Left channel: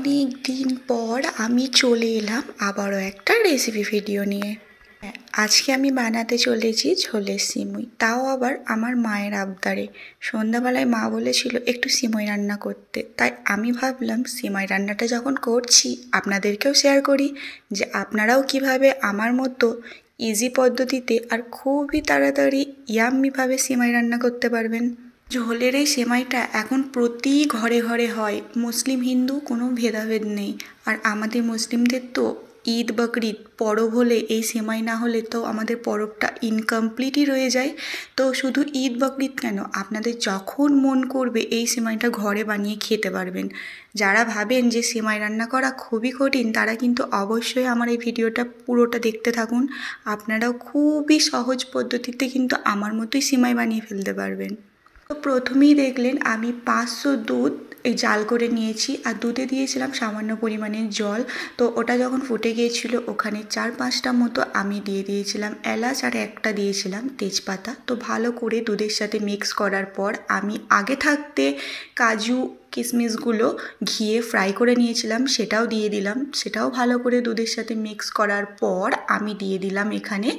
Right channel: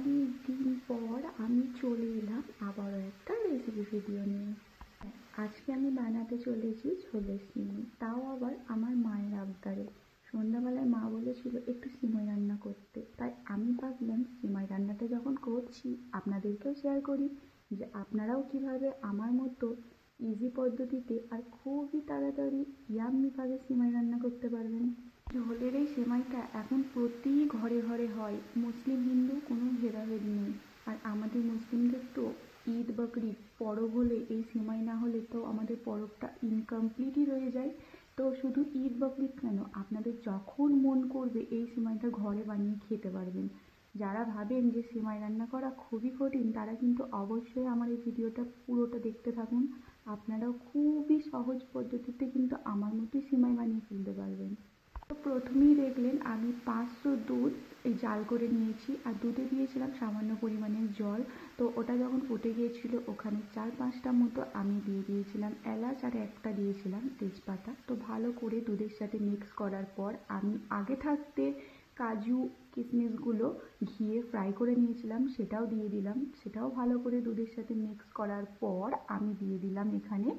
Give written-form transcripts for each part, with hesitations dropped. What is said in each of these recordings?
অনেক দিন পর আমি চলে এলাম আবারও একটা রেসিপি ভিডিও নিয়ে। আজকে আমি বানাতে চলেছি ঝোলের সিমুই, তাও আবার আমার মায়ের আবদারে। সন্ধ্যাবেলায় মা বলেছিল একটু সিমুই রান্না করতে, তাই আমি ভাবলাম সিমুই রান্নাটা যখন করছি আপনাদেরকেও শেয়ার করি যে আপনারাও কিভাবে আমার মতো ইজি পদ্ধতিতে আর খুবই তাড়াতাড়ি ইয়াম্মিভাবে সিমুই রান্না করতে পারবেন। ঝোলের এই সেমাইটা এখন প্রতি ঘরে ঘরে হয়, মুসলিম হিন্দু কোনো ভেদাভেদ নেই। আর আমাদের মুসলিমদের তো ঈদ বকরিদ পরব হলে এই সেমাই না হলে তো আমাদের পরবটা ইনকমপ্লিটই রয়ে যায়। তো শুধু ঈদ বকরিদ কেন, আপনাদের যখন মন করবে এই সেমাইটা ঘরে বানিয়ে খেতে পারবেন। যারা ভাবেন যে সেমাই রান্না করা খুবই কঠিন, তারা কিন্তু অবশ্যই আমার এই ভিডিওটা পুরোটা দেখতে থাকুন। আপনারাও খুবই সহজ পদ্ধতিতে কিন্তু আমার মতোই সেমাই বানিয়ে ফেলতে পারবেন। তো প্রথমেই দেখলেন আমি 500 দুধ এই জাল করে নিয়েছি, আর দুধে দিয়েছিলাম সামান্য পরিমাণে জল। তো ওটা যখন ফুটে গিয়েছিল ওখানে 4-5টা মতো আমি দিয়ে দিয়েছিলাম এলাচ, আর একটা দিয়েছিলাম তেজপাতা। তো ভালো করে দুধের সাথে মিক্স করার পর আমি আগে থাকতে কাজু কিশমিশগুলো ঘিয়ে ফ্রাই করে নিয়েছিলাম, সেটাও দিয়ে দিলাম। সেটাও ভালো করে দুধের সাথে মিক্স করার পর আমি দিয়ে দিলাম এখানে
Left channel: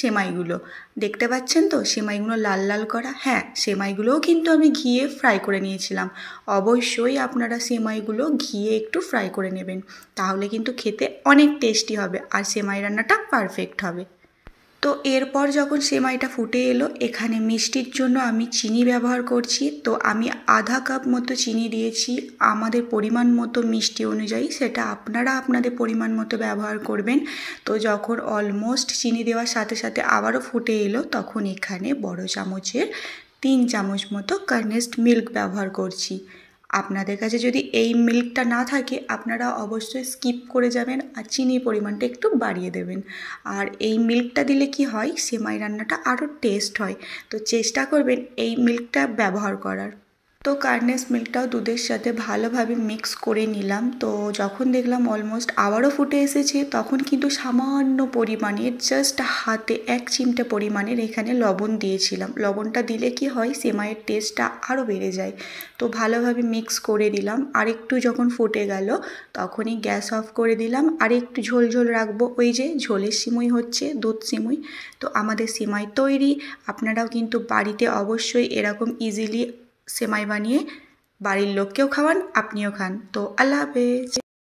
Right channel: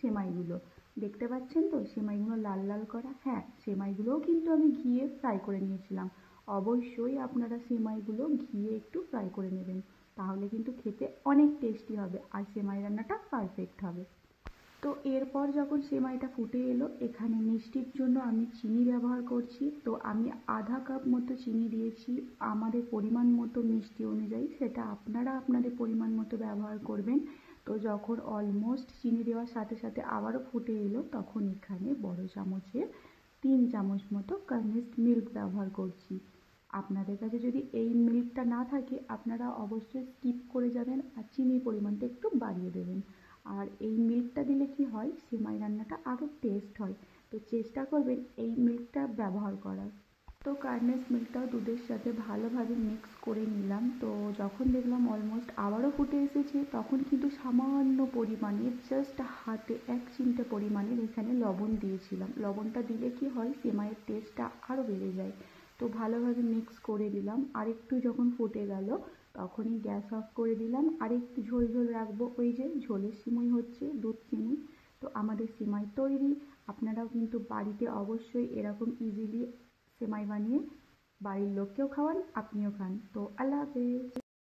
সেমাইগুলো। দেখতে পাচ্ছেন তো সেমাইগুলো লাল লাল করা? হ্যাঁ, সেমাইগুলোও কিন্তু আমি ঘিয়ে ফ্রাই করে নিয়েছিলাম। অবশ্যই আপনারা সেমাইগুলো ঘিয়ে একটু ফ্রাই করে নেবেন, তাহলে কিন্তু খেতে অনেক টেস্টি হবে আর সেমাই রান্নাটা পারফেক্ট হবে। তো এরপর যখন সেমাইটা ফুটে এলো, এখানে মিষ্টির জন্য আমি চিনি ব্যবহার করছি। তো আমি আধা কাপ মতো চিনি দিয়েছি, আমাদের পরিমাণ মতো মিষ্টি অনুযায়ী, সেটা আপনারা আপনাদের পরিমাণ মতো ব্যবহার করবেন। তো যখন অলমোস্ট চিনি দেওয়ার সাথে সাথে আবারও ফুটে এলো, তখন এখানে বড় চামচের 3 চামচ মতো কনডেন্সড মিল্ক ব্যবহার করছি। আপনাদের কাছে যদি এই মিল্কটা না থাকে আপনারা অবশ্যই স্কিপ করে যাবেন আর চিনির পরিমাণটা একটু বাড়িয়ে দেবেন। আর এই মিল্কটা দিলে কি হয়, সেমাই রান্নাটা আরও টেস্ট হয়। তো চেষ্টা করবেন এই মিল্কটা ব্যবহার করার। তো কনডেন্সড মিল্কটাও দুধের সাথে ভালোভাবে মিক্স করে নিলাম। তো যখন দেখলাম অলমোস্ট আবারও ফুটে এসেছে, তখন কিন্তু সামান্য পরিমাণের জাস্ট হাতে 1 চিমটে পরিমাণের এখানে লবণ দিয়েছিলাম। লবণটা দিলে কি হয়, সেমাইয়ের টেস্টটা আরও বেড়ে যায়। তো ভালোভাবে মিক্স করে দিলাম। আর একটু যখন ফুটে গেল তখনই গ্যাস অফ করে দিলাম। আর একটু ঝোল ঝোল রাখবো, ওই যে ঝোলের সিমুই হচ্ছে, দুধ সিমুই। তো আমাদের সেমাই তৈরি। আপনারাও কিন্তু বাড়িতে অবশ্যই এরকম ইজিলি সেমাই বানিয়ে বাড়ির লোককেও খাওয়ান, আপনিও খান। তো আল্লাহ হাফেজ।